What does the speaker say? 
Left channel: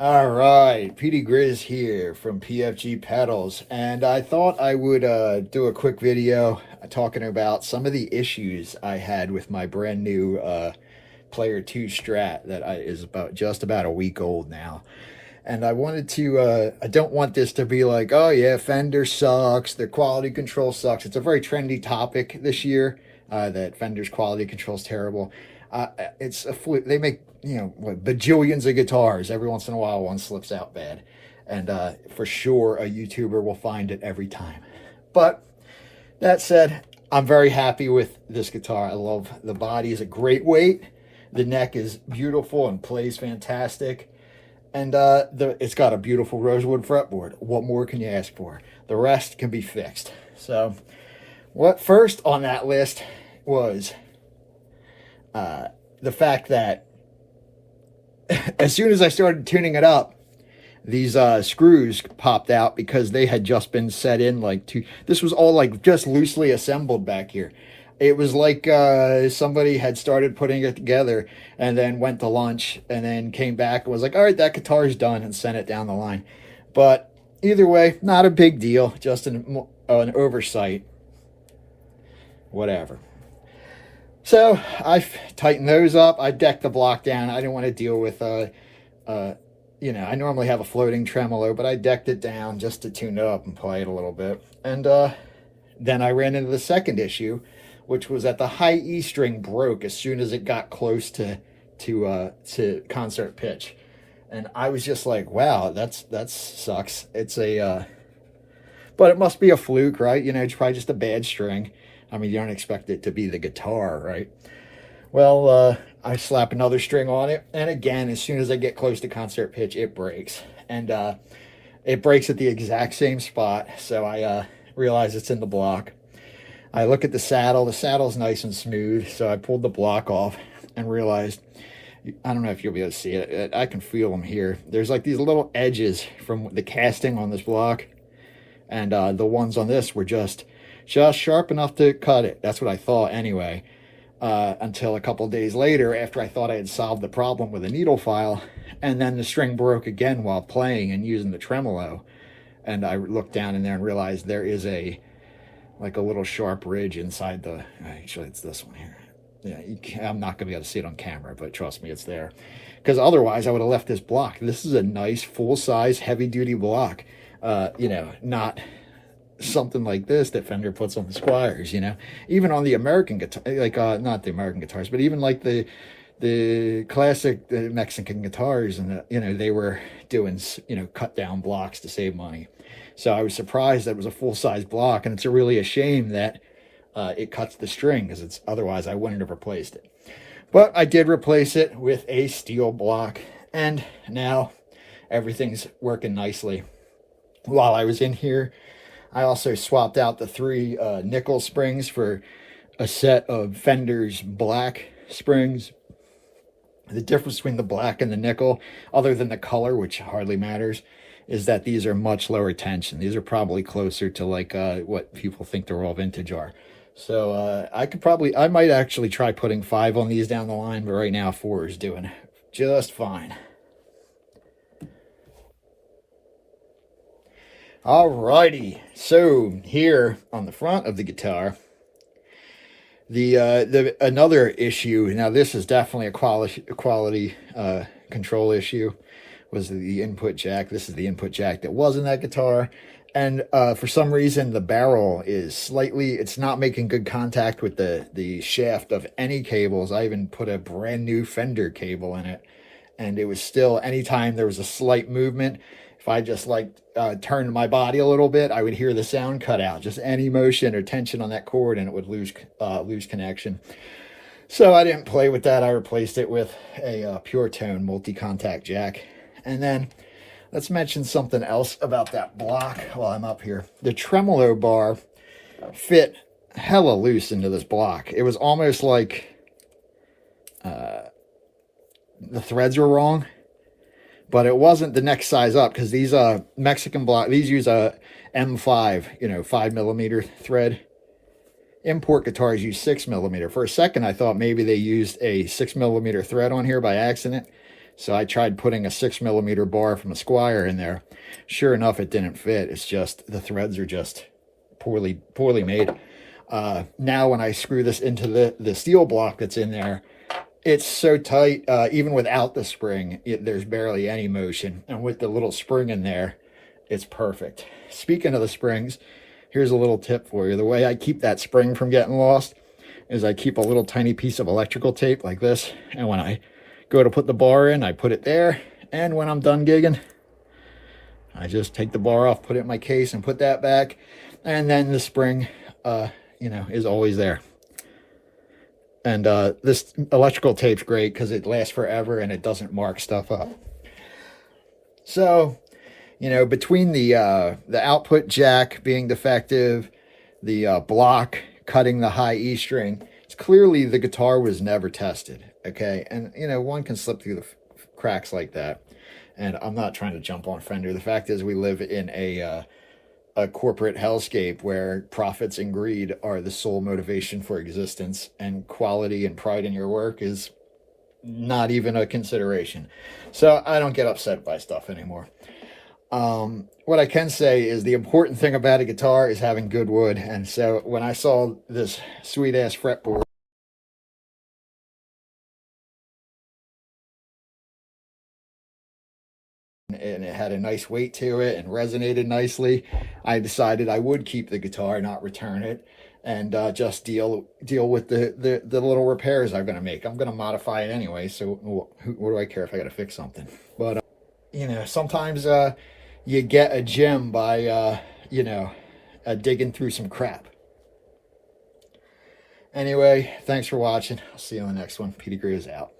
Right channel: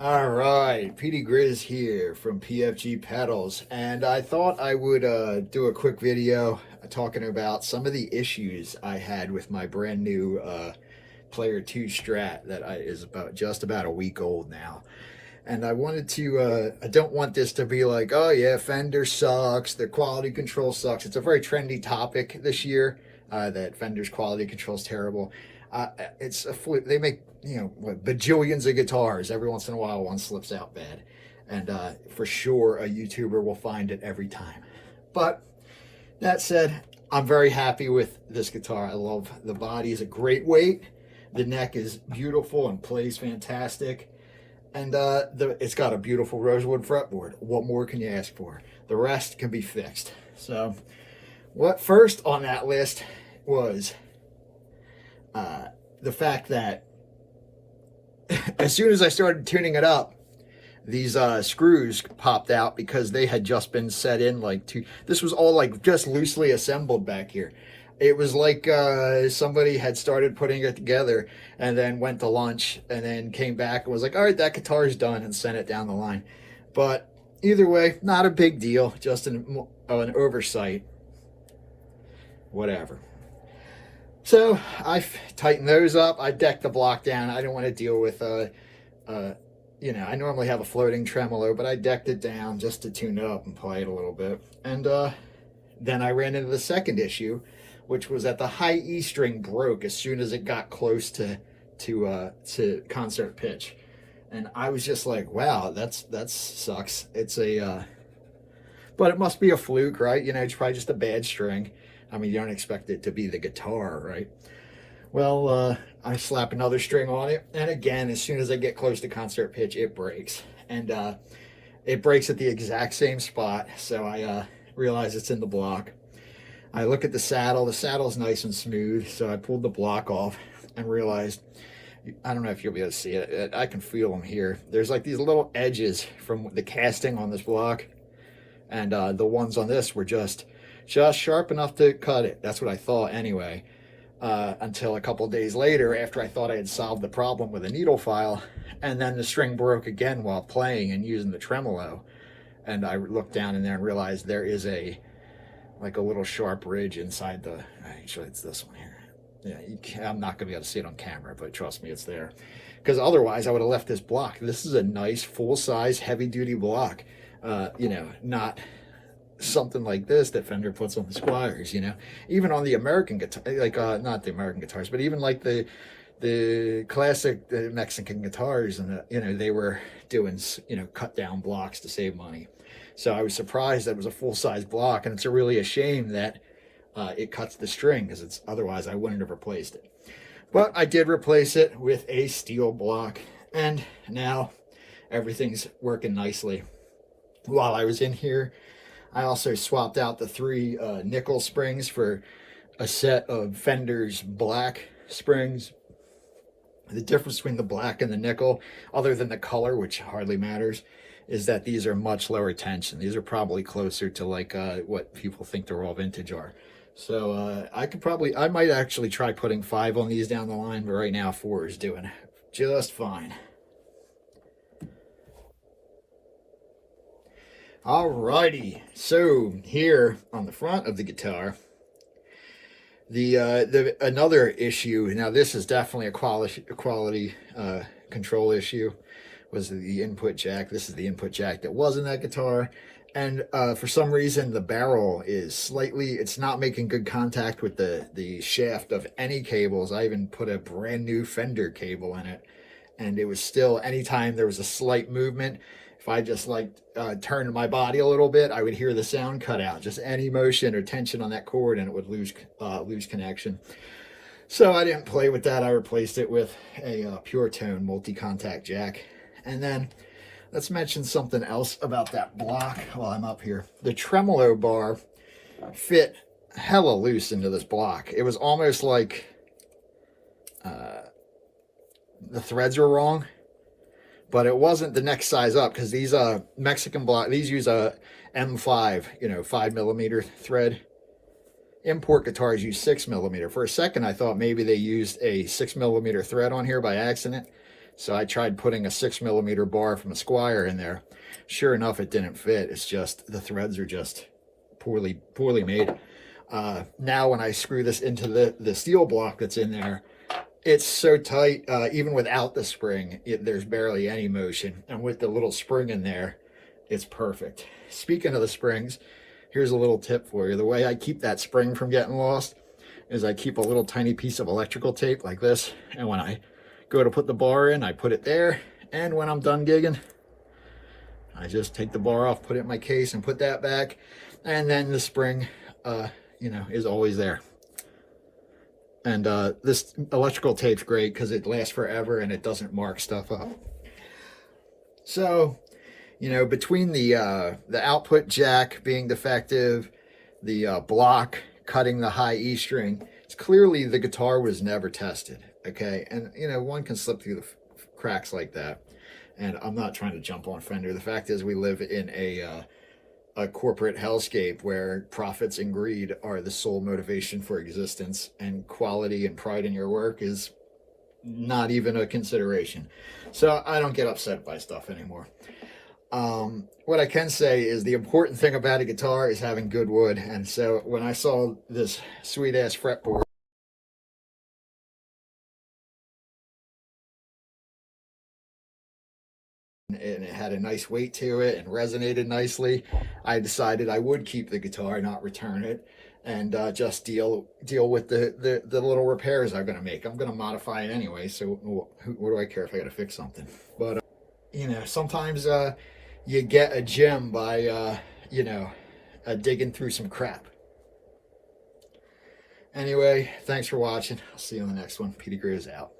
All right, PD Grizz here from pfg.pedals, and I thought I would do a quick video talking about some of the issues I had with my brand new Player 2 Strat that is just about a week old now. And I wanted to, I don't want this to be like, oh yeah, Fender sucks, their quality control sucks. It's a very trendy topic this year, that Fender's quality control is terrible. It's a fluke. They make, what, bajillions of guitars. Every once in a while, one slips out bad. And for sure, a YouTuber will find it every time. But that said, I'm very happy with this guitar. I love the body. Is a great weight. The neck is beautiful and plays fantastic. And it's got a beautiful rosewood fretboard. What more can you ask for? The rest can be fixed. So what first on that list was the fact that as soon as I started tuning it up, these screws popped out because they had just been set in this was all like just loosely assembled back here. It was like somebody had started putting it together and then went to lunch and then came back and was like, all right, that guitar's done, and sent it down the line. But either way, not a big deal, just an oversight, whatever. So I tightened those up. I decked the block down. I didn't want to deal with, I normally have a floating tremolo, but I decked it down just to tune it up and play it a little bit. And then I ran into the second issue, which was that the high E string broke as soon as it got close to concert pitch. And I was just like, wow, that sucks. It's but it must be a fluke, right? It's probably just a bad string. I mean, you don't expect it to be the guitar, right? Well, I slap another string on it, and again, as soon as I get close to concert pitch, it breaks. And it breaks at the exact same spot, so I realize it's in the block. I look at the saddle. The saddle's nice and smooth, so I pulled the block off and realized, I don't know if you'll be able to see it. I can feel them here. There's like these little edges from the casting on this block, and the ones on this were just sharp enough to cut it. That's what I thought anyway, until a couple days later, after I thought I had solved the problem with a needle file, and then the string broke again while playing and using the tremolo. And I looked down in there and realized there is a little sharp ridge inside actually it's this one here. Yeah, I'm not gonna be able to see it on camera, but trust me, it's there. Because otherwise I would have left this block. This is a nice full-size heavy-duty block. Not something like this that Fender puts on the Squires, even on the American guitar, not the American guitars, but even like the classic Mexican guitars, and they were doing cut down blocks to save money. So I was surprised that it was a full-size block, and it's really a shame that it cuts the string, because otherwise I wouldn't have replaced it. But I did replace it with a steel block, and now everything's working nicely. While I was in here, I also swapped out the 3 nickel springs for a set of Fender's black springs. The difference between the black and the nickel, other than the color, which hardly matters, is that these are much lower tension. These are probably closer to what people think the raw vintage are. So I might actually try putting 5 on these down the line, but right now 4 is doing just fine. Alrighty, so here on the front of the guitar, the another issue. Now this is definitely a quality control issue. Was the input jack. This is the input jack that was in that guitar, and for some reason the barrel is it's not making good contact with the shaft of any cables. I even put a brand new Fender cable in it, and it was still, anytime there was a slight movement, if I just turned my body a little bit, I would hear the sound cut out. Just any motion or tension on that cord, and it would lose connection. So I didn't play with that. I replaced it with a pure tone multi-contact jack. And then let's mention something else about that block while I'm up here. The tremolo bar fit hella loose into this block. It was almost like the threads were wrong, but it wasn't the next size up, because these Mexican block, these use a M5, 5mm thread. Import guitars use 6mm. For a second, I thought maybe they used a 6mm thread on here by accident. So I tried putting a 6mm bar from a Squire in there. Sure enough, it didn't fit. It's just the threads are just poorly made. Now when I screw this into the steel block that's in there, it's so tight, even without the spring, there's barely any motion. And with the little spring in there, it's perfect. Speaking of the springs, here's a little tip for you. The way I keep that spring from getting lost is I keep a little tiny piece of electrical tape like this. And when I go to put the bar in, I put it there. And when I'm done gigging, I just take the bar off, put it in my case, and put that back. And then the spring, you know, is always there. And this electrical tape's great because it lasts forever and it doesn't mark stuff up. So, you know, between the output jack being defective, the block cutting the high E string, it's clearly the guitar was never tested, okay? And, you know, one can slip through the cracks like that. And I'm not trying to jump on Fender. The fact is we live in a corporate hellscape where profits and greed are the sole motivation for existence, and quality and pride in your work is not even a consideration. So I don't get upset by stuff anymore. What I can say is the important thing about a guitar is having good wood. And so when I saw this sweet ass fretboard, and it had a nice weight to it and resonated nicely, I decided I would keep the guitar, not return it, and just deal with the little repairs I'm going to make. I'm going to modify it anyway, so what do I care if I got to fix something? But you know, sometimes you get a gem by you know, digging through some crap. Anyway, thanks for watching. I'll see you on the next one. Petey Gray is out.